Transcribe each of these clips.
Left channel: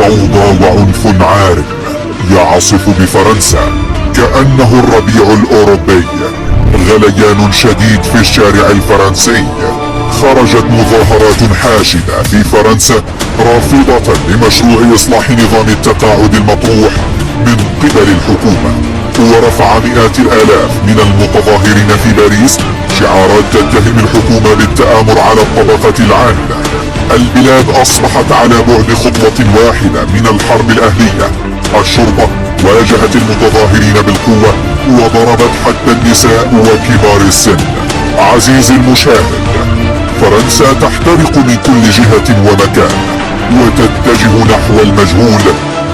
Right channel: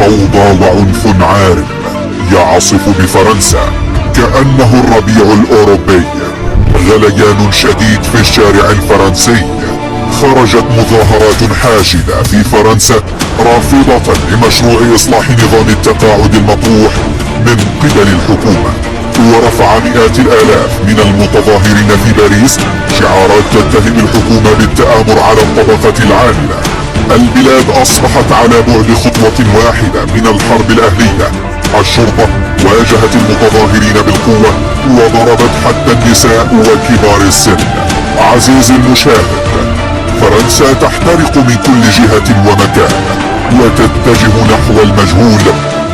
فوضى وعنف عارم يعصف بفرنسا كأنه الربيع الأوروبي. غليان شديد في الشارع الفرنسي. خرجت مظاهرات حاشدة في فرنسا رافضة لمشروع إصلاح نظام التقاعد المطروح من قبل الحكومة، ورفع مئات الآلاف من المتظاهرين في باريس شعارات تتهم الحكومة بالتآمر على الطبقة العاملة. البلاد أصبحت على بعد خطوة واحدة من الحرب الأهلية. الشرطة واجهت المتظاهرين بالقوة وضربت حتى النساء وكبار السن. عزيزي المشاهد، فرنسا تحترق من كل جهة ومكان وتتجه نحو المجهول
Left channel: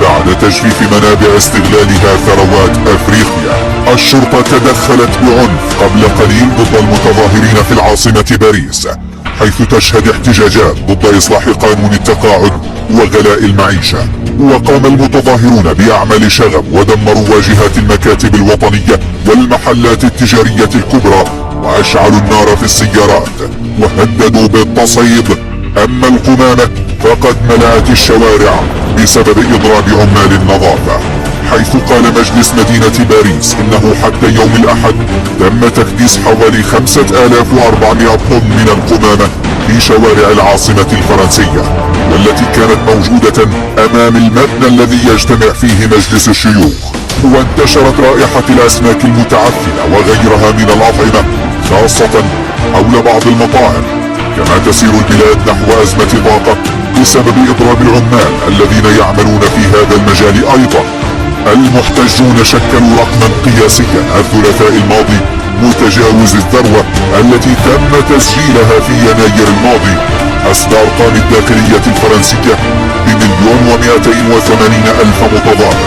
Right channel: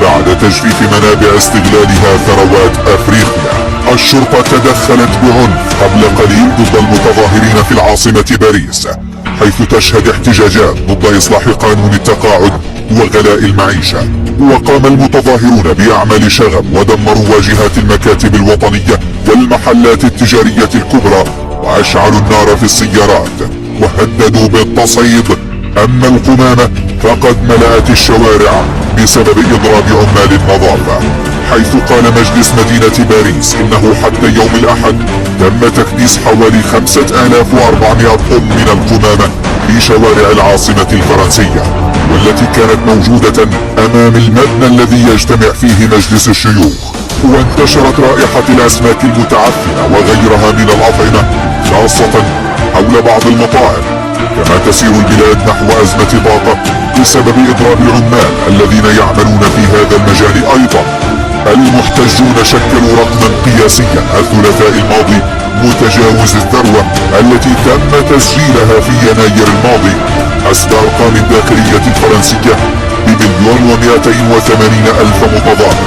بعد تجفيف منابع استغلالها ثروات أفريقيا. الشرطة تدخلت بعنف قبل قليل ضد المتظاهرين في العاصمة باريس، حيث تشهد احتجاجات ضد إصلاح قانون التقاعد وغلاء المعيشة. وقام المتظاهرون بأعمال شغب ودمروا واجهات المكاتب الوطنية والمحلات التجارية الكبرى، وأشعلوا النار في السيارات وهددوا بالتصعيد. أما القمامة فقد ملأت الشوارع بسبب إضراب عمال النظافة، حيث قال مجلس مدينة باريس إنه حتى يوم الأحد تم تكديس حوالي 5400 طن من القمامة في شوارع العاصمة الفرنسية، والتي كانت موجودة أمام المبنى الذي يجتمع فيه مجلس الشيوخ. وانتشرت رائحة الأسماك المتعفنة وغيرها من الأطعمة، خاصة حول بعض المطاعم. كما تسير البلاد نحو أزمة طاقة بسبب إضراب العمال الذين يعملون في هذا المجال أيضا. المحتجون شكلوا رقما قياسيا الثلاثاء الماضي متجاوز الذروة التي تم تسجيلها في يناير الماضي، حسب أرقام الداخلية الفرنسية ب1,280,000 متظاهر.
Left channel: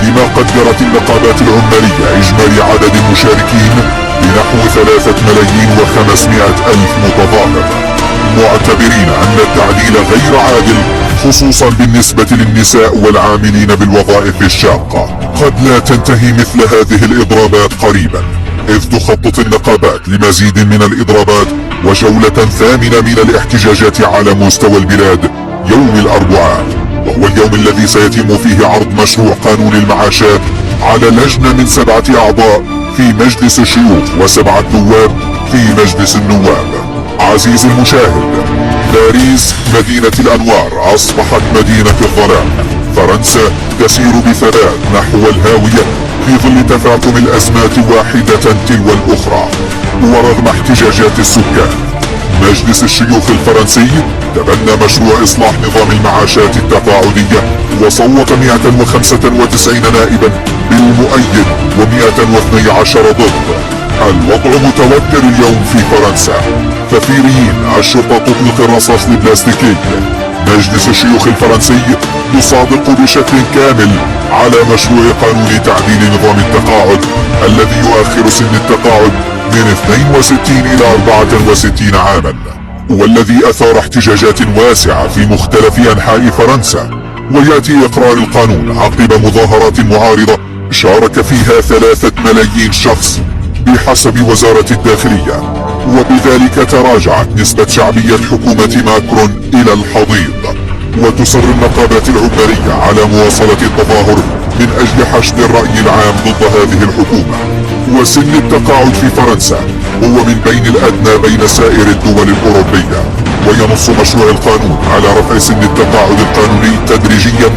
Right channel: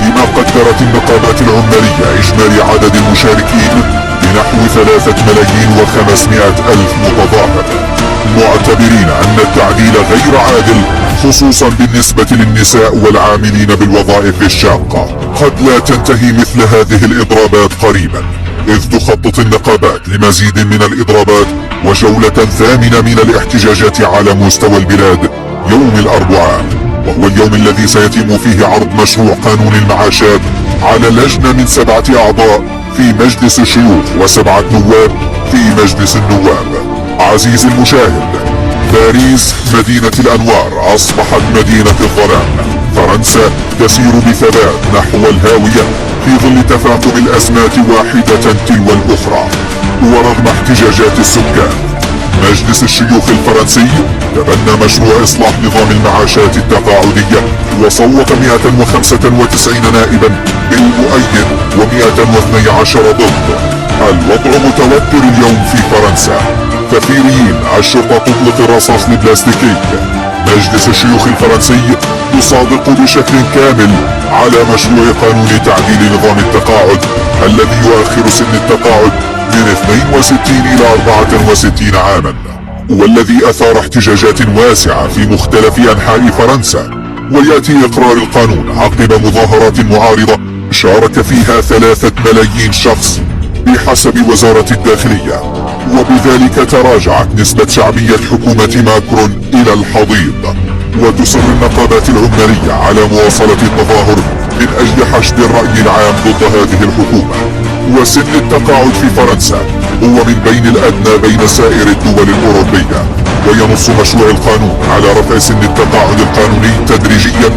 فيما قدرت النقابات العمالية إجمالي عدد المشاركين بنحو 3,500,000 متظاهر، معتبرين أن التعديل غير عادل، خصوصا بالنسبة للنساء والعاملين بالوظائف الشاقة. قد لا تنتهي مثل هذه الإضرابات قريبا، إذ تخطط النقابات لمزيد من الإضرابات وجولة ثامنة من الاحتجاجات على مستوى البلاد يوم الأربعاء، وهو اليوم الذي سيتم فيه عرض مشروع قانون المعاشات على لجنة من 7 أعضاء في مجلس الشيوخ و7 نواب في مجلس النواب. عزيزي المشاهد، باريس مدينة الأنوار أصبحت مدينة الظلام. فرنسا تسير بثبات نحو الهاوية في ظل تفاقم الأزمات واحدة تلو الأخرى. ورغم احتجاجات السكان، مجلس الشيوخ الفرنسي تبنى مشروع إصلاح نظام المعاشات التقاعدية وصوت 195 نائبا بالمؤيد و112 ضد. الوضع متوتر اليوم في فرنسا. كثيرين الشرطة تطلق الرصاص البلاستيكي. مجلس الشيوخ الفرنسي يصادق بشكل كامل على مشروع قانون تعديل نظام التقاعد الذي يؤخر سن التقاعد من 62 إلى 64 عاما، والذي أثار احتجاجات واسعة في مختلف أنحاء فرنسا. ويأتي إقرار القانون عقب مظاهرات معارضة شارك فيها 3 ملايين شخص بحسب وزارة الداخلية، وبذلك تراجعت نسبة شعبية حكومة ماكرون إلى الحضيض. وتصر النقابات العمالية على مواصلة التظاهر من أجل حشد الرأي العام ضد هذه الحكومة. وسن التقاعد في فرنسا هو من بين الأدنى بين سائر الدول الأوروبية، وينص مشروع القانون على رفع سن التقاعد القانوني تدريجيا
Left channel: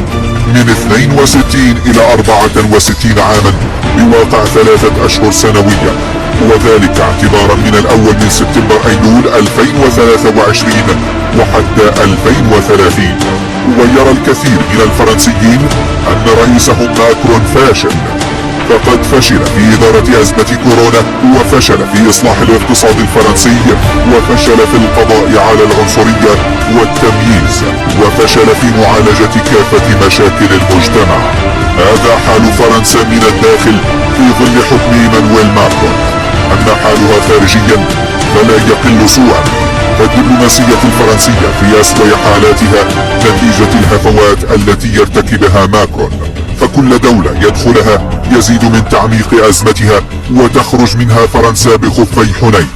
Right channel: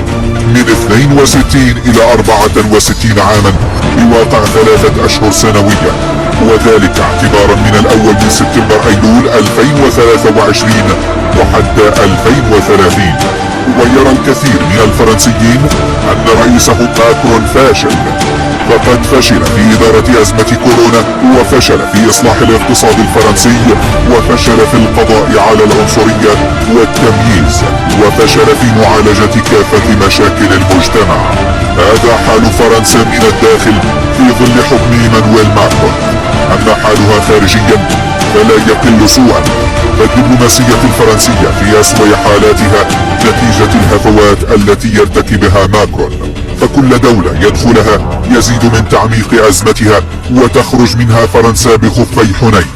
من 62 إلى 64 عاما بواقع 3 أشهر سنويا، وذلك اعتبارا من الأول من سبتمبر أيلول 2023 وحتى 2030. ويرى الكثير من الفرنسيين أن رئيسهم ماكرون فاشل، فقد فشل في إدارة أزمة كورونا، وفشل في إصلاح الاقتصاد الفرنسي، وفشل في القضاء على العنصرية والتمييز، وفشل في معالجة كافة مشاكل المجتمع. هذا حال فرنسا من الداخل في ظل حكم إيمانويل ماكرون. أما حالها خارجيا فلا يقل سوءا، فالدبلوماسية الفرنسية في أسوأ حالاتها نتيجة الهفوات التي يرتكبها ماكرون. فكل دولة يدخلها يزيد من تعميق أزمتها وتخرج منها فرنسا بخفي حنين،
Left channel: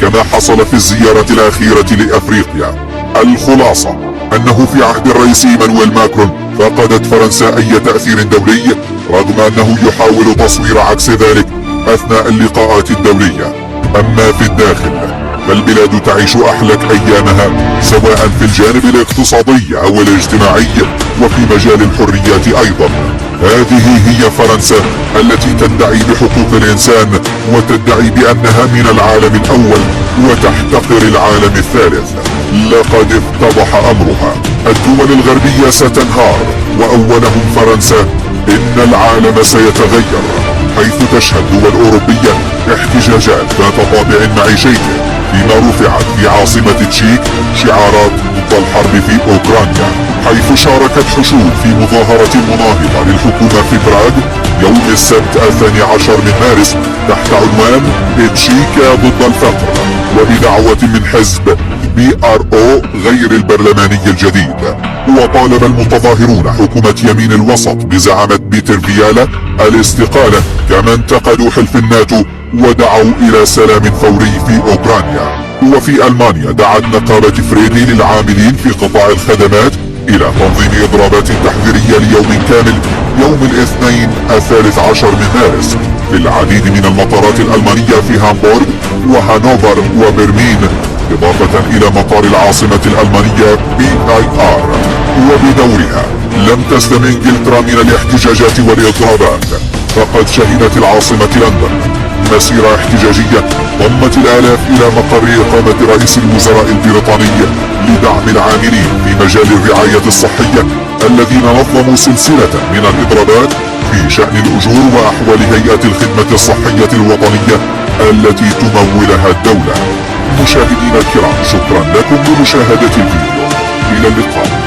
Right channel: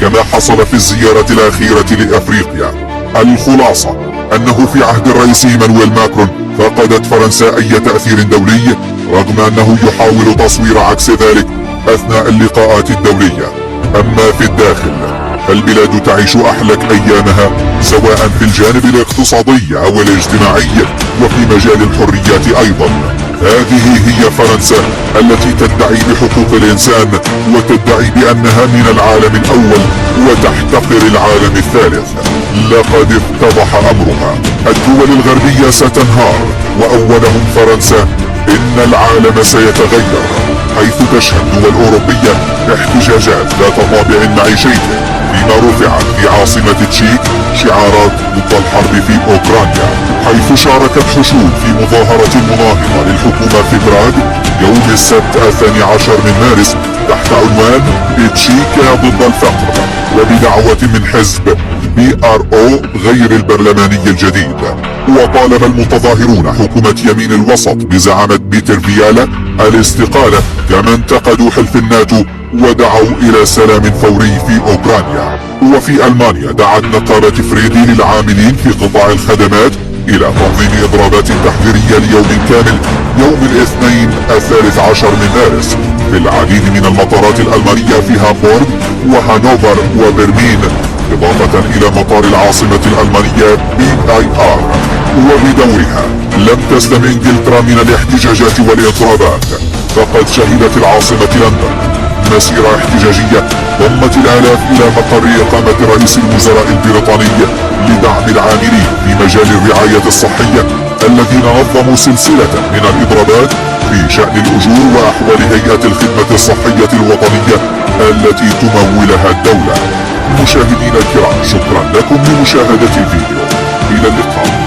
كما حصل في الزيارة الأخيرة لأفريقيا. الخلاصة أنه في عهد الرئيس إيمانويل ماكرون فقدت فرنسا أي تأثير دولي، رغم أنه يحاول تصوير عكس ذلك أثناء اللقاءات الدولية. أما في الداخل فالبلاد تعيش أحلك أيامها، سواء في الجانب الاقتصادي أو الاجتماعي وفي مجال الحريات أيضا. هذه هي فرنسا التي تدعي بحقوق الإنسان وتدعي بأنها من العالم الأول وتحتقر العالم الثالث. لقد اتضح أمرها، الدول الغربية ستنهار وأولهم فرنسا. إن العالم سيتغير، حيث تشهد دول أوروبية احتجاجات ذات طابع معيشي، فيما رفعت في عاصمة تشيك شعارات ضد الحرب في أوكرانيا، حيث شاركت حشود في مظاهرة مناهضة للحكومة في براغ يوم السبت 12 من مارس تحت عنوان تشيكا ضد الفقر، وبدعوة من حزب PRO غير البرلماني الجديد. وطالب المتظاهرون حكومة يمين الوسط بزعامة بيتر فيالا الاستقالة، كما انتقدوا حلف الناتو ودعوا إلى سلام فوري في أوكرانيا. وفي ألمانيا دعت نقابة فريدي للعاملين في قطاع الخدمات إلى تنظيم إضرابات تحذيرية ليوم كامل يوم الاثنين 13 من مارس في العديد من المطارات الألمانية في هامبورغ وهانوفر وبرلين، إضافة إلى مطار العاصمة الألمانية BIR. وبدورها لم تسلم إنجلترا من الاحتجاجات والإضرابات، فقد شهدت العاصمة لندن مسيرة احتجاجية ضمت الآلاف إلى مقر إقامة رئيس الوزراء البريطاني لدعم العاملين في مجال الرعاية الصحية الذين نظموا سلسلة من الإضرابات في شأن الأجور وأحوال هيئات الخدمة الصحية الوطنية التي تمولها الدولة. مشاهدينا الكرام، شكرا لكم لمشاهدة الفيديو، إلى اللقاء.